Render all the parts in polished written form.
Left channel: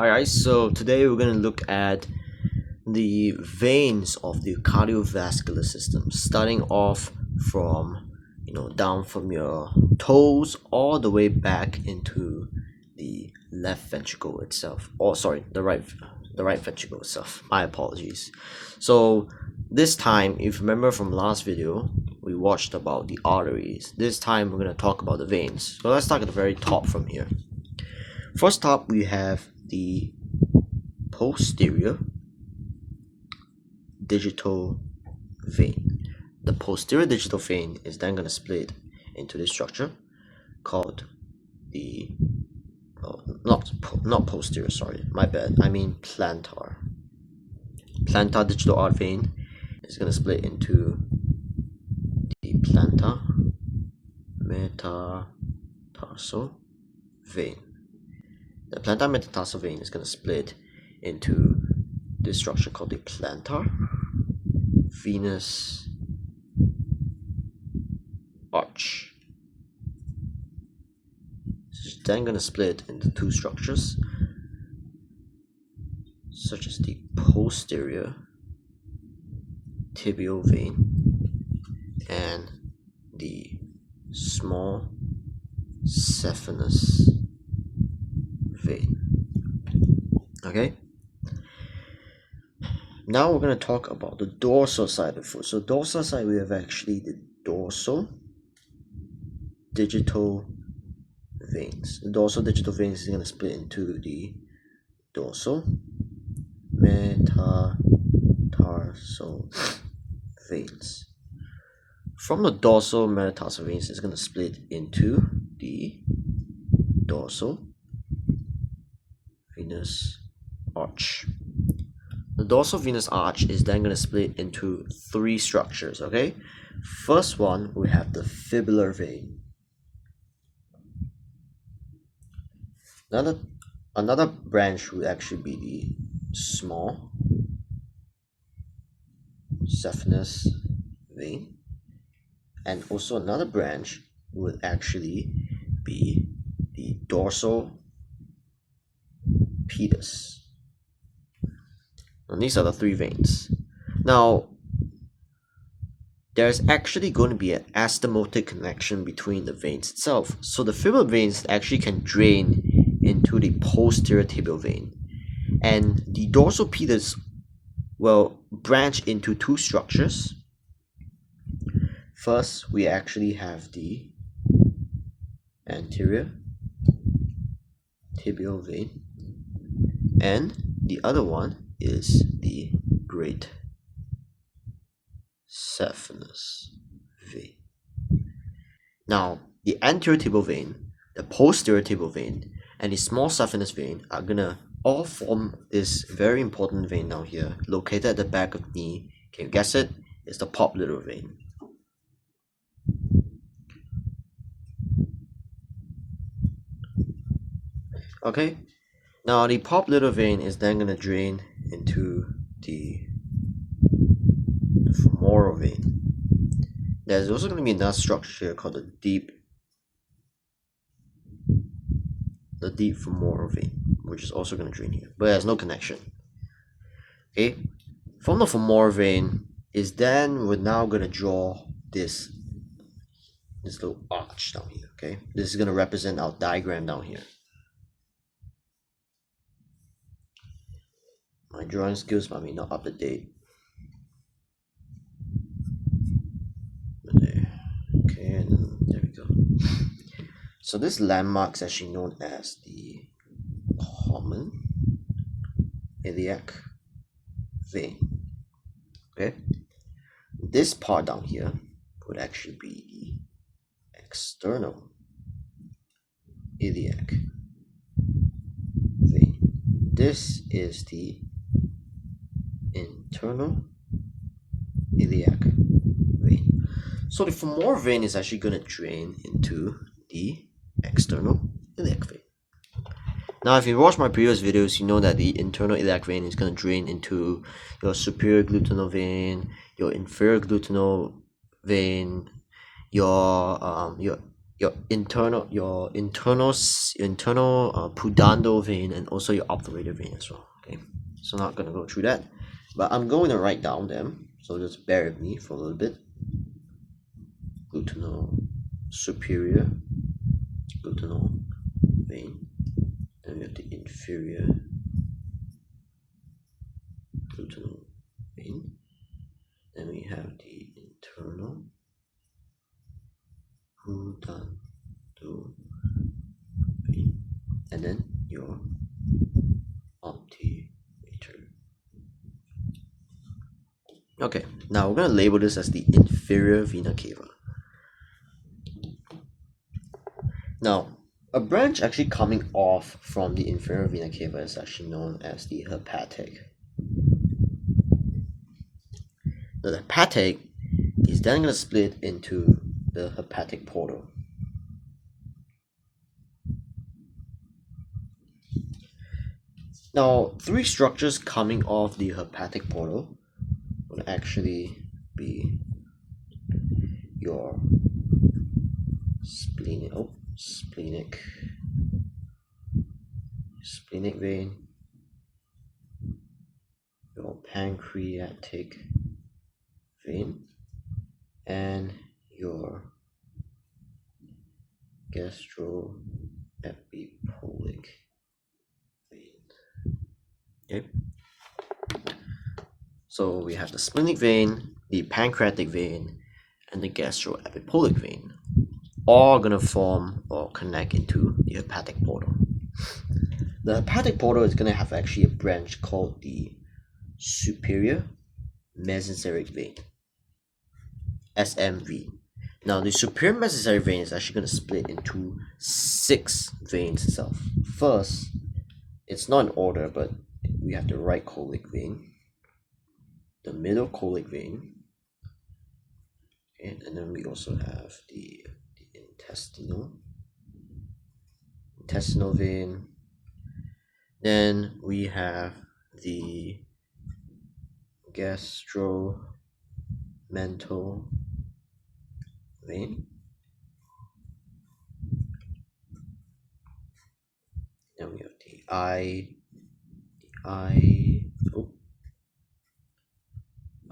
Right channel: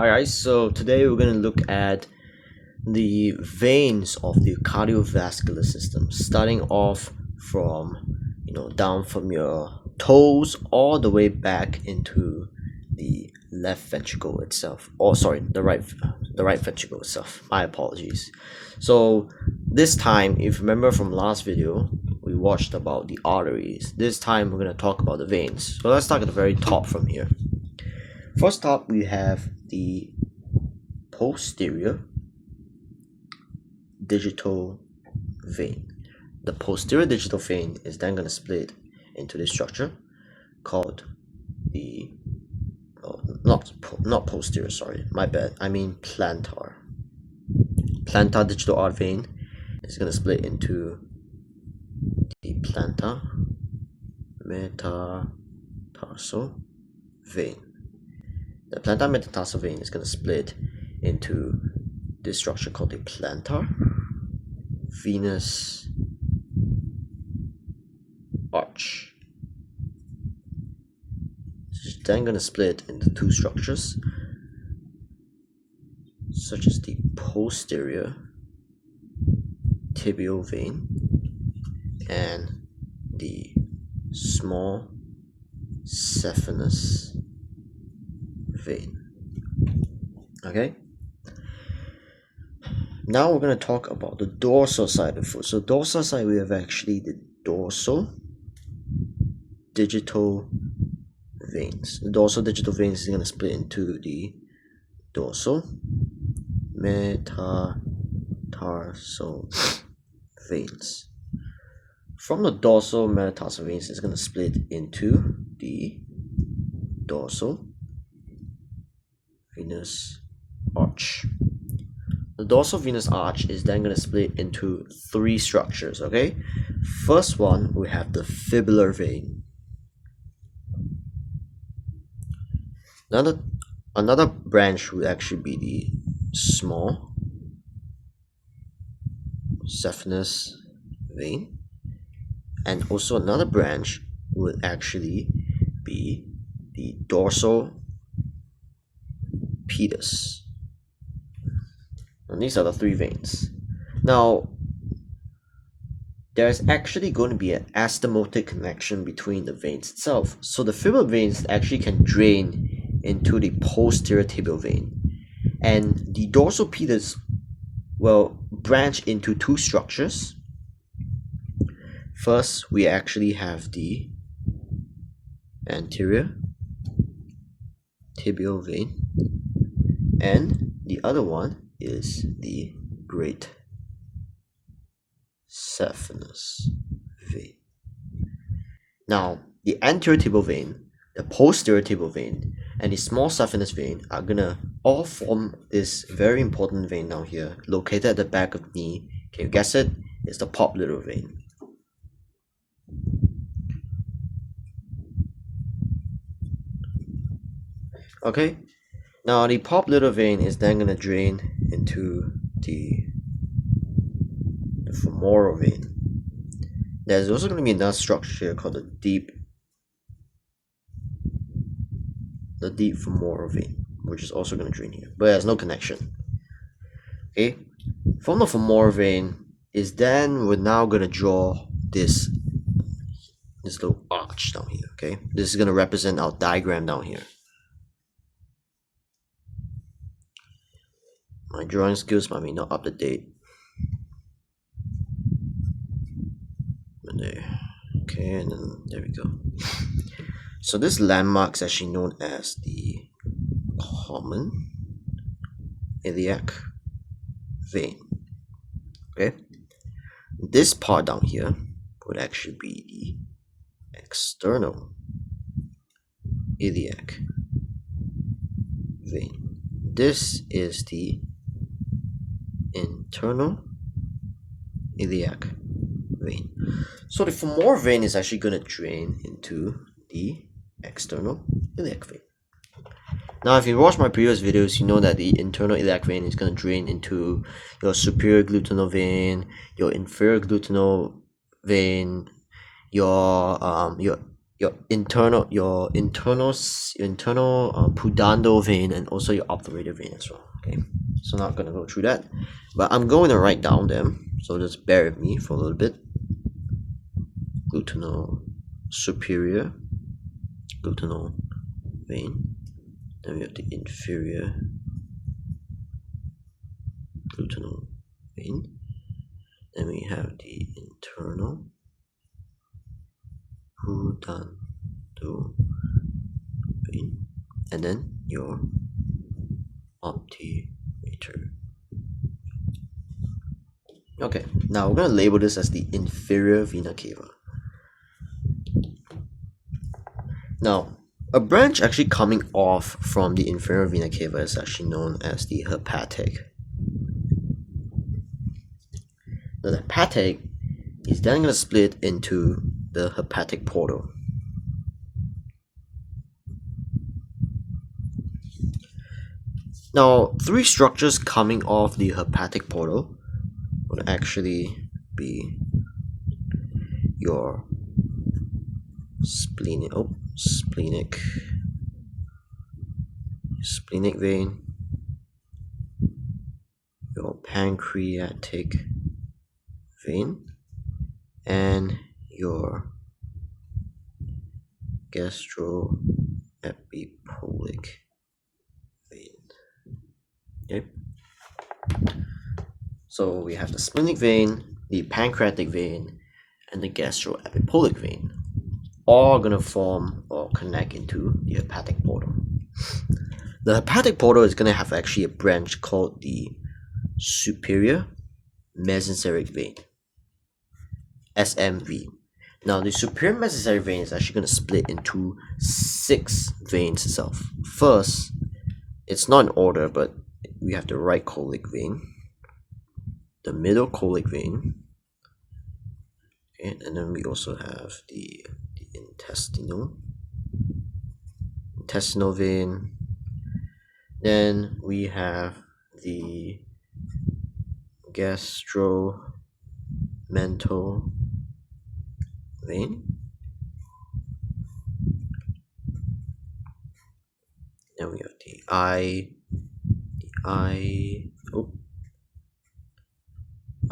Hi guys, so today we're going to look at the veins of the cardiovascular system, starting off from down from your toes all the way back into the left ventricle itself, or sorry, the right ventricle itself. My apologies. So this time, if you remember from last video, we watched about the arteries. This time we're going to talk about the veins. So let's start at the very top from here. First up, we have the posterior digital vein. The posterior digital vein is then going to split into this structure called the not posterior, sorry, my bad, I mean plantar digital artery vein is going to split into the plantar metatarsal vein. The plantar metatarsal vein is going to split into this structure called the plantar venous arch. It's then going to split into two structures, such as the posterior tibial vein and the small saphenous vein. Okay, now we're going to talk about the dorsal side of the foot. So dorsal side, we have actually the dorsal digital veins. The dorsal digital veins is going to split into the dorsal metatarsal veins. From the dorsal metatarsal veins, it's going to split into the dorsal venous arch. The dorsal venous arch is then going to split into three structures. Okay, first one, we have the fibular vein. Another branch would actually be the small saphenous vein, and also another branch would actually be the dorsal pedis. And these are the three veins. Now, there's actually going to be an astomotic connection between the veins itself. So the fibular veins actually can drain into the posterior tibial vein, and the dorsal pedis will branch into two structures. First, we actually have the anterior tibial vein, and the other one is the great saphenous vein. Now, the anterior tibial vein, the posterior tibial vein, and the small saphenous vein are gonna all form this very important vein down here, located at the back of the knee. Can you guess it? It's the popliteal vein. Okay, now the popliteal vein is then gonna drain into the femoral vein. There's also gonna be another structure here called the deep femoral vein, which is also going to drain here, but there's no connection. Okay, from the femoral vein is then we're now going to draw this little arch down here. Okay, this is going to represent our diagram down here. My drawing skills might be not up to date. Okay, and then there we go. So this landmark is actually known as the common iliac vein. Okay, this part down here would actually be the external iliac vein. This is the internal iliac vein. So the femoral vein is actually going to drain into the external iliac vein. Now, if you watch my previous videos, you know that the internal iliac vein is going to drain into your superior gluteal vein, your inferior gluteal vein, your your internal pudendal vein and also your obturator vein as well. Okay, so not gonna go through that, but I'm going to write down them, so just bear with me for a little bit. Gluteal superior gluteal vein, then we have the inferior gluteal vein, then we have the internal pudendal vein, and then your obturator. Okay, now we're going to label this as the inferior vena cava. Now, a branch actually coming off from the inferior vena cava is actually known as the hepatic. The hepatic is then going to split into the hepatic portal. Now, three structures coming off the hepatic portal would actually be your splenic vein, your pancreatic vein, and your gastroepipolic vein. Okay, so we have the splenic vein, the pancreatic vein, and the gastroepipolic vein, all gonna form or connect into the hepatic portal. The hepatic portal is gonna have actually a branch called the superior mesenteric vein, SMV. Now the superior mesenteric vein is actually gonna split into 6 veins itself. First, it's not in order, but we have the right colic vein, the middle colic vein, okay, and then we also have the intestinal vein. Then we have the gastromental vein. Then we have the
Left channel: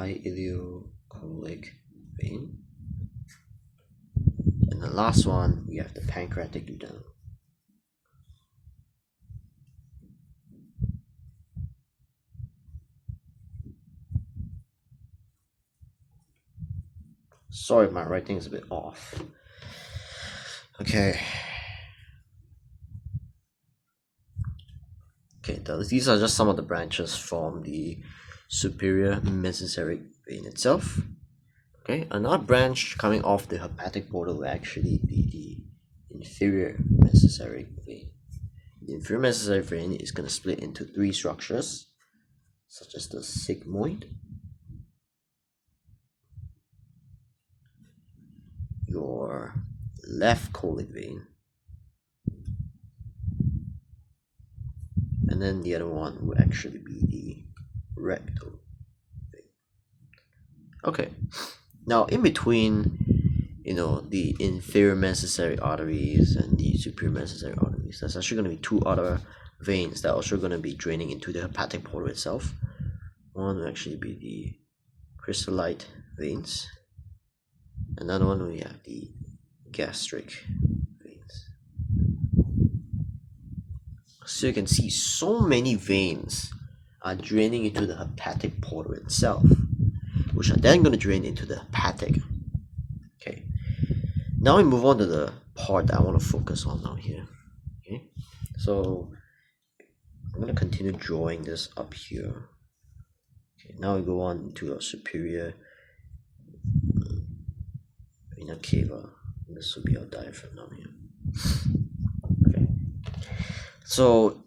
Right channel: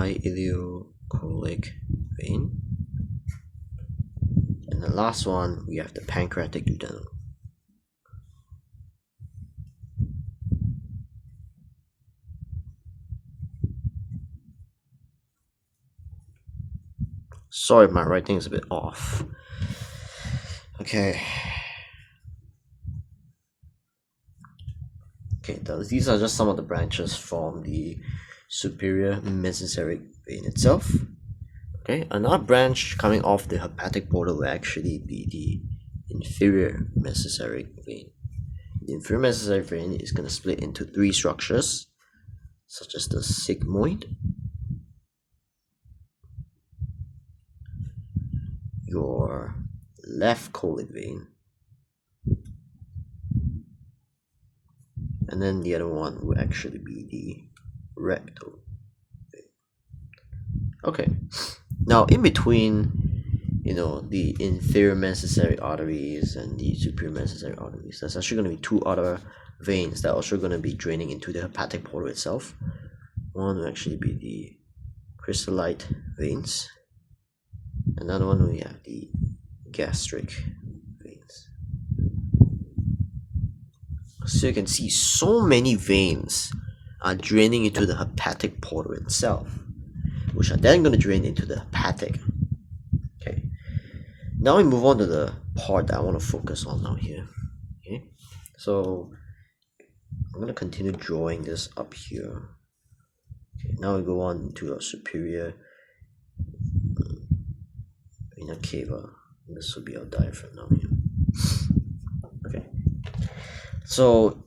ileocolic vein. And the last one, we have the pancreatic duodenum. Sorry, my writing is a bit off. Okay. Okay, these are just some of the branches from the superior mesenteric vein itself. Okay, another branch coming off the hepatic portal will actually be the inferior mesenteric vein. The inferior mesenteric vein is going to split into 3 structures, such as the sigmoid, your left colic vein, and then the other one will actually be the rectal vein. Okay, now in between, the inferior mesenteric arteries and the superior mesenteric arteries, there's actually going to be 2 other veins that are also going to be draining into the hepatic portal itself. One will actually be the crystallite veins. Another one, we have the gastric veins. So you can see so many veins are draining into the hepatic portal itself, which are then going to drain into the hepatic. Okay, now we move on to the part that I want to focus on now here. Okay, so I'm going to continue drawing this up here. Okay, now we go on to our superior vena cava. This will be our diaphragm now here. Okay, so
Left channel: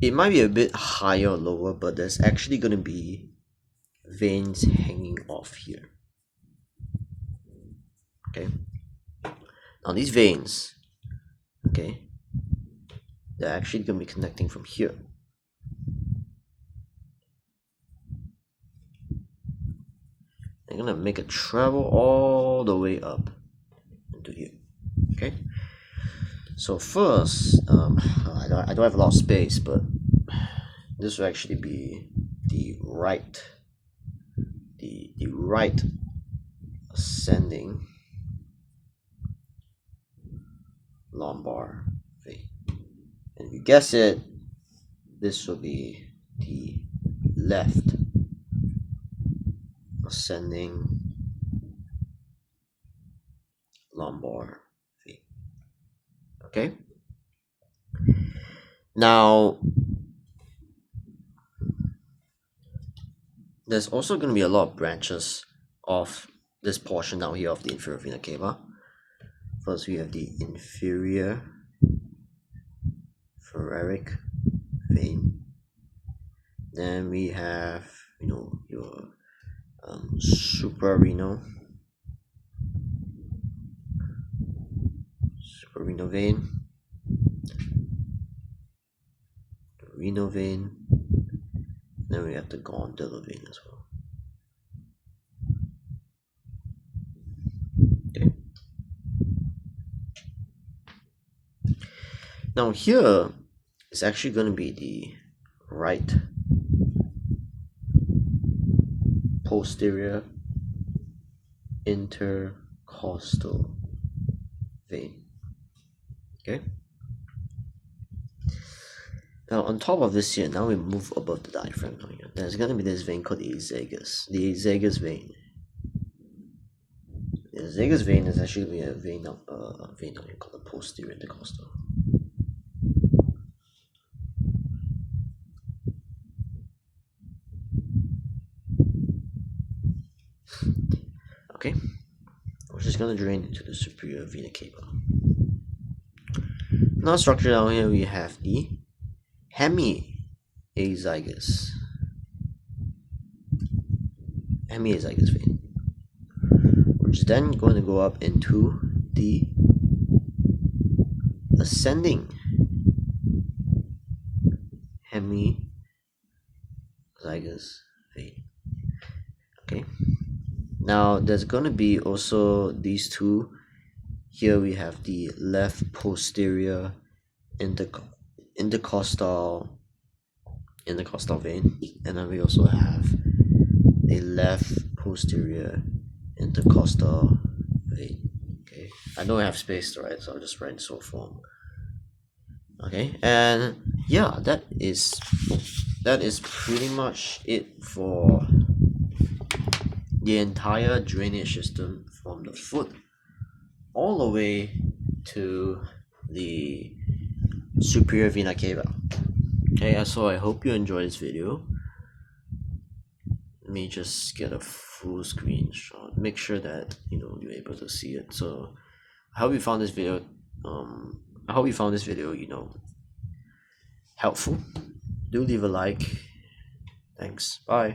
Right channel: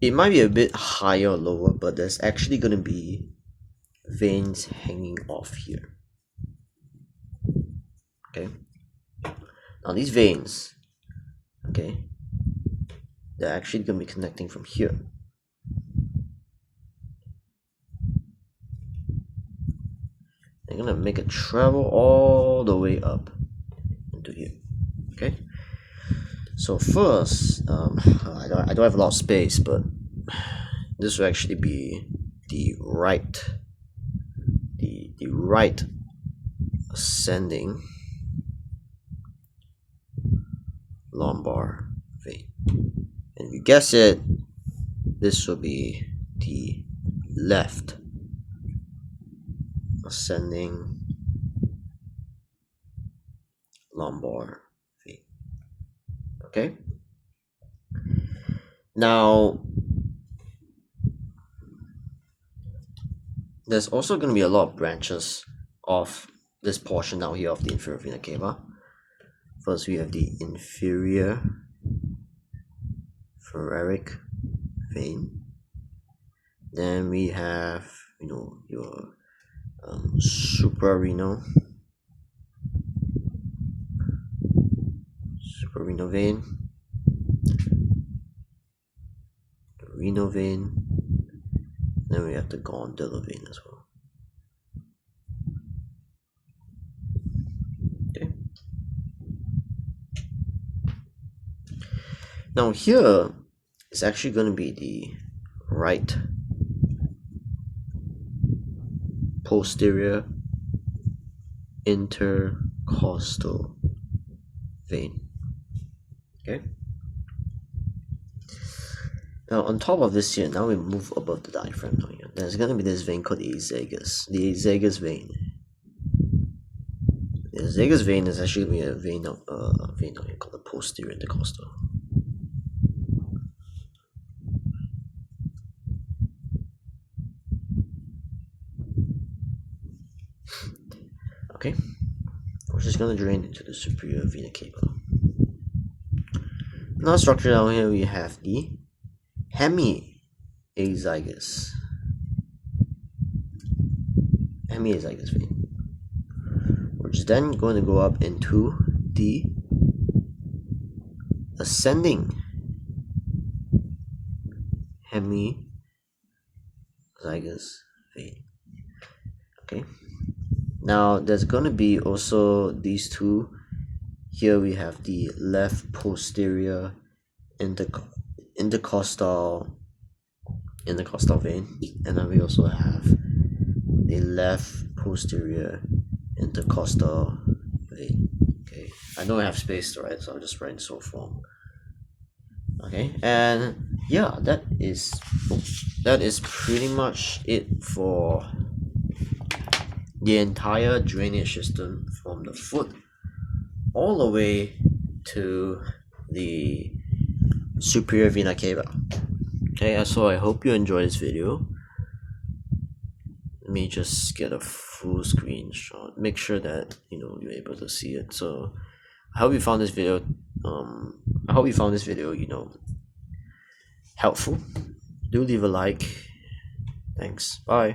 it might be a bit higher or lower, but there's actually going to be veins hanging off here. Okay, now these veins, okay, they're actually going to be connecting from here. They're going to make a travel all the way up into here. Okay, so first, I don't have a lot of space, but this will actually be the right ascending lumbar vein, and if you guess it, this will be the left ascending lumbar vein. Okay, now there's also going to be a lot of branches of this portion down here of the inferior vena cava. First, we have the inferior thoracic vein. Then we have, your suprarenal vein, the renal vein. Then we have the gondolar vein as well. Okay. Now here is actually going to be the right posterior intercostal vein. Okay. Now on top of this here, now we move above the diaphragm now here. There's going to be this vein called the azagous vein. The azagous vein is actually going to be a vein now called the posterior intercostal. Okay, we're just going to drain into the superior vena cava. Now structure down here we have the hemiazygous vein, which is then going to go up into the ascending hemizygous vein. Okay, now there's going to be also these two. Here we have the left posterior intercostal vein, and then we also have the left posterior intercostal vein. Okay, I know I have space to write, so I'll just write in short form. Okay, and yeah, that is pretty much it for the entire drainage system from the foot all the way to the superior vena cava. Okay, so I hope you enjoyed this video. Let me just get a full screenshot, make sure that you're able to see it. So I hope you found this video helpful. Do leave a like. Thanks. Bye.